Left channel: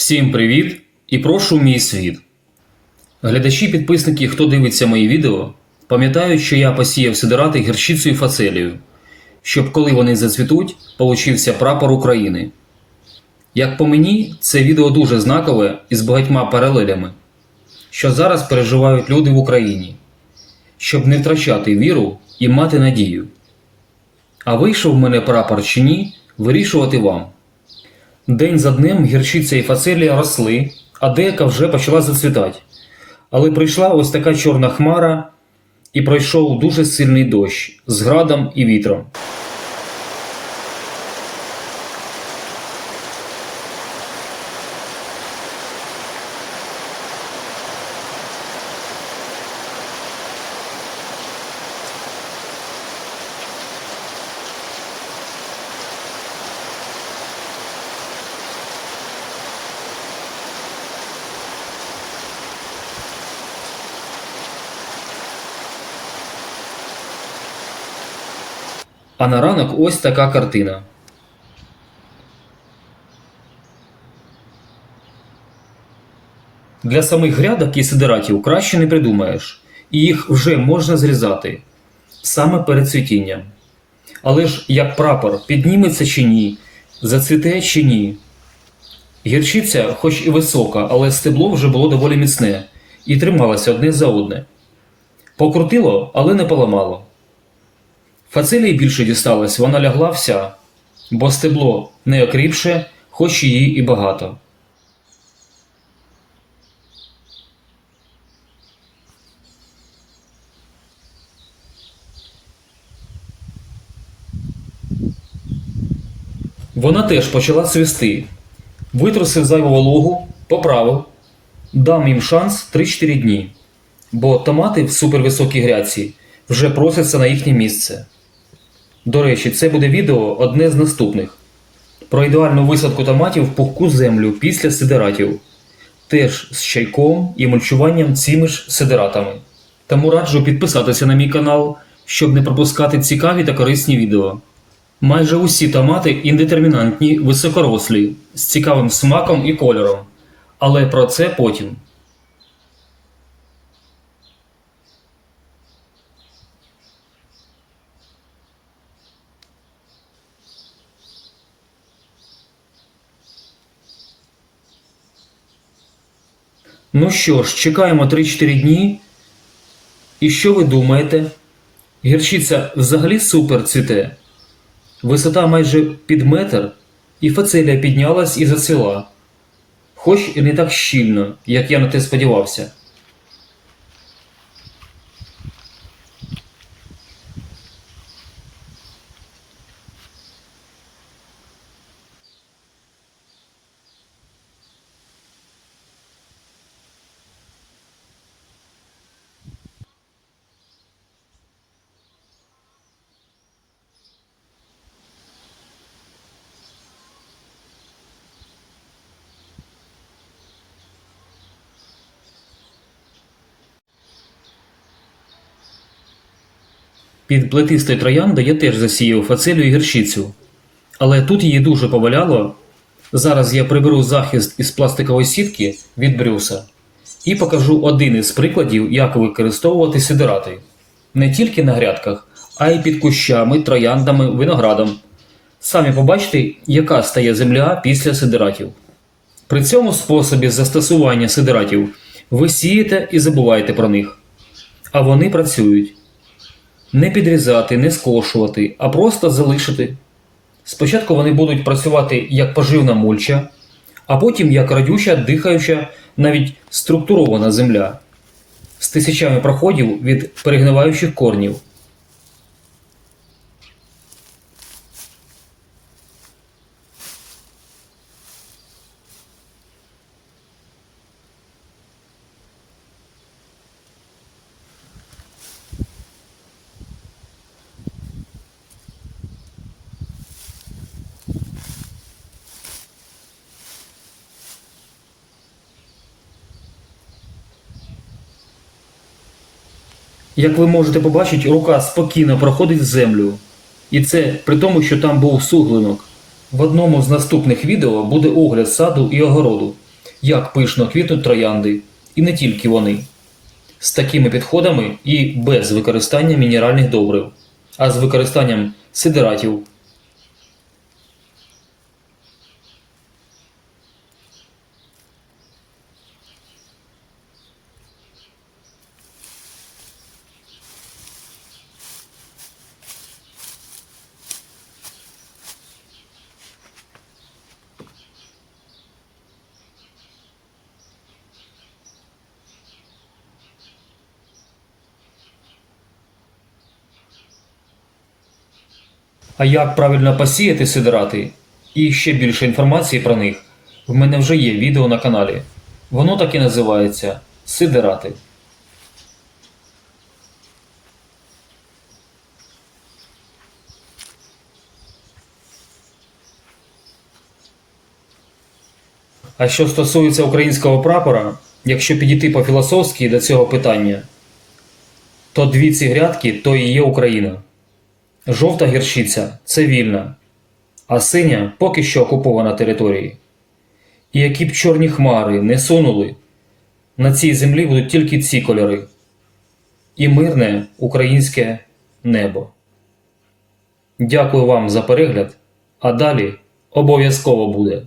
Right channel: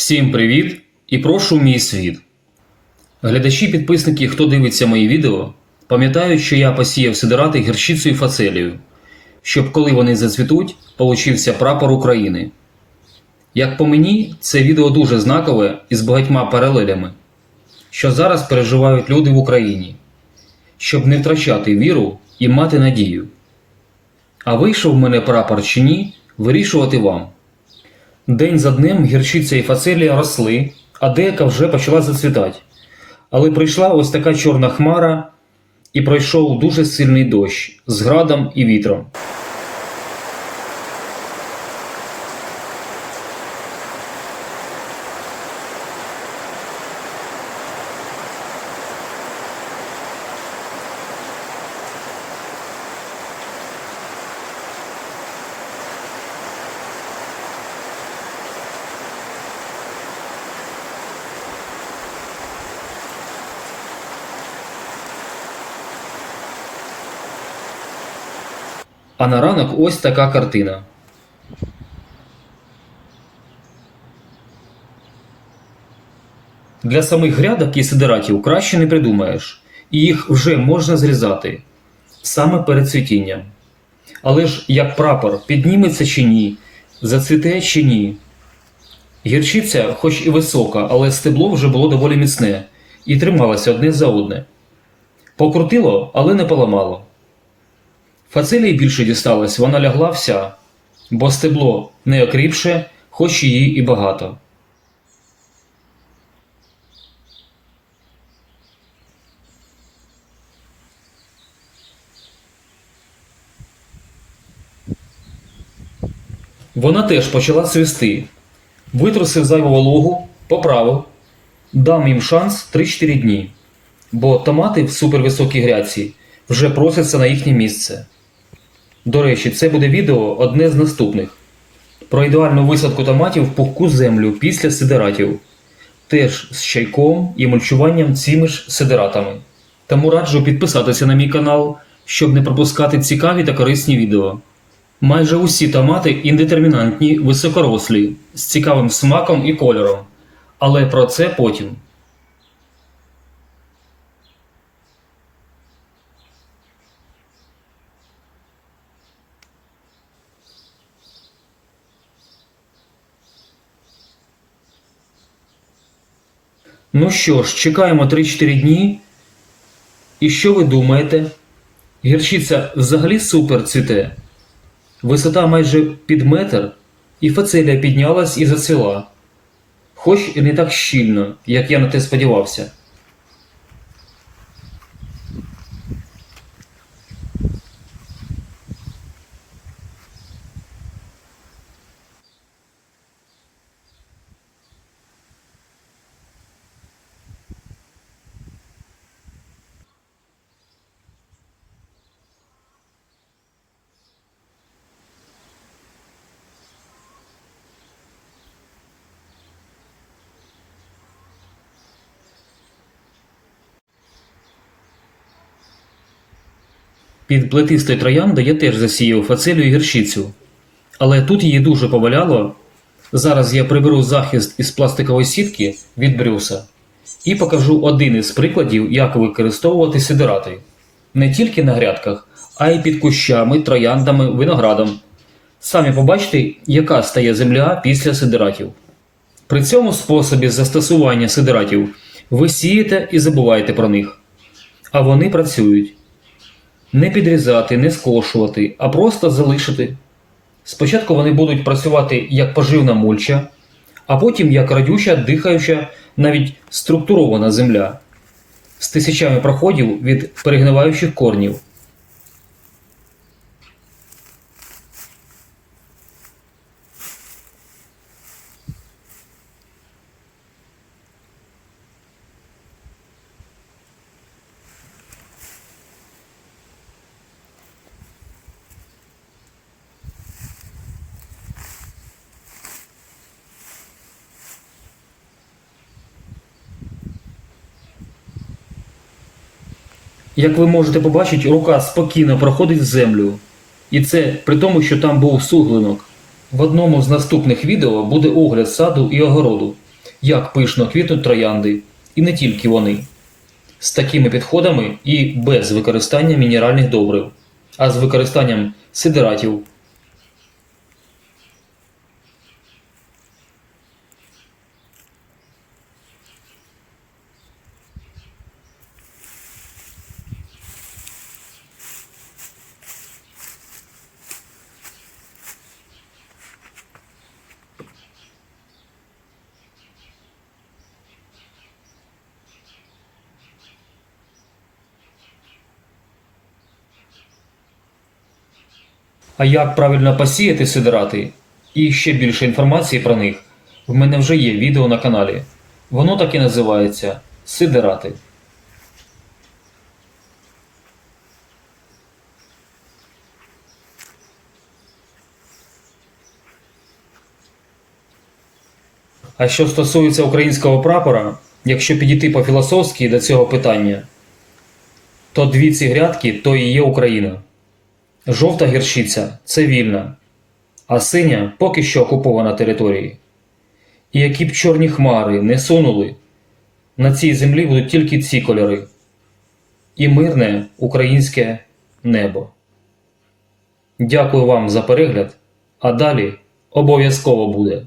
Всім привіт і прошу мій світ. Глядачі підписники, хто дивиться мої відео, пам'ятають, що я посіяв сидирати гірчицею і фацелію, щоб коли вони зацвітуть, получився прапор України. Як по мені, це відео дуже знакове і з багатьма паралелями, що зараз переживають люди в Україні, щоб не втрачати віру і мати надію. А вийшов в мене прапор чи ні, вирішувати вам. День за днем гірчиця і фацелія росли, а деяка вже почала зацвітати. Але прийшла ось така чорна хмара, і пройшов дуже сильний дощ з градом і вітром. А на ранок ось така картина. Для самих грядок і сидератів краще не придумаєш, і їх вже можна зрізати саме перед цвітінням. Але ж як прапор підніметься чи ні, зацвіте чи ні. Гірчиця, хоч і висока, але стебло вже було доволі міцне і трималося одне за одне. Покрутило, але не поламало. Фацелії більше дісталось, вона лягла вся, бо стебло не окріпше, хоч її і багато. Вона теж почала цвісти. Витрусив зайву вологу, поправив, дам їм шанс 3-4 дні, бо томати в супервисокій грядці вже просяться на їхнє місце. До речі, це буде відео одне з наступних про ідеальну висадку томатів в пухку землю після сидератів, теж з чайком і мульчуванням цими ж сидератами. Тому раджу підписатися на мій канал, щоб не пропускати цікаві та корисні відео. Майже усі томати індетермінантні, високорослі, з цікавим смаком і кольором. Але про це потім. Ну що ж, чекаємо 3-4 дні. І що ви думаєте? Гірчиця взагалі супер цвіте. Висота майже під метр, і фацелія піднялась і зацвіла. Хоч і не так щільно, як я на те сподівався. Під плетистою трояндою я теж засіяв фацелію і гірчицю. Але тут її дуже поваляло. Зараз я приберу захист із пластикової сітки від брюса і покажу один із прикладів, як використовувати сидирати. Не тільки на грядках, а й під кущами, трояндами, виноградом. Самі побачите, яка стає земля після сидиратів. При цьому способі застосування сидиратів ви сієте і забуваєте про них. А вони працюють не підрізати, не скошувати, а просто залишити. Спочатку вони будуть працювати як поживна мульча, а потім як радюча, дихаюча, навіть структурована земля з тисячами проходів від перегниваючих корнів. Як ви можете побачити, рука спокійно проходить землю. І це при тому, що там був суглинок. В одному з наступних відео буде огляд саду і огороду. як пишно квітнуть троянди, і не тільки вони. З такими підходами і без використання мінеральних добрив, а з використанням сидератів. А як правильно посіяти сидирати і ще більше інформації про них в мене вже є відео на каналі. Воно так і називається Сидирати. А що стосується українського прапора, якщо підійти по-філософськи до цього питання, то дві ці грядки то і є Україна. Жовта гіршиця це вільна, а синя поки що окупована території. І які б чорні хмари не сунули, на цій землі будуть тільки ці кольори і мирне українське небо. Дякую вам за перегляд, а далі обов'язково буде.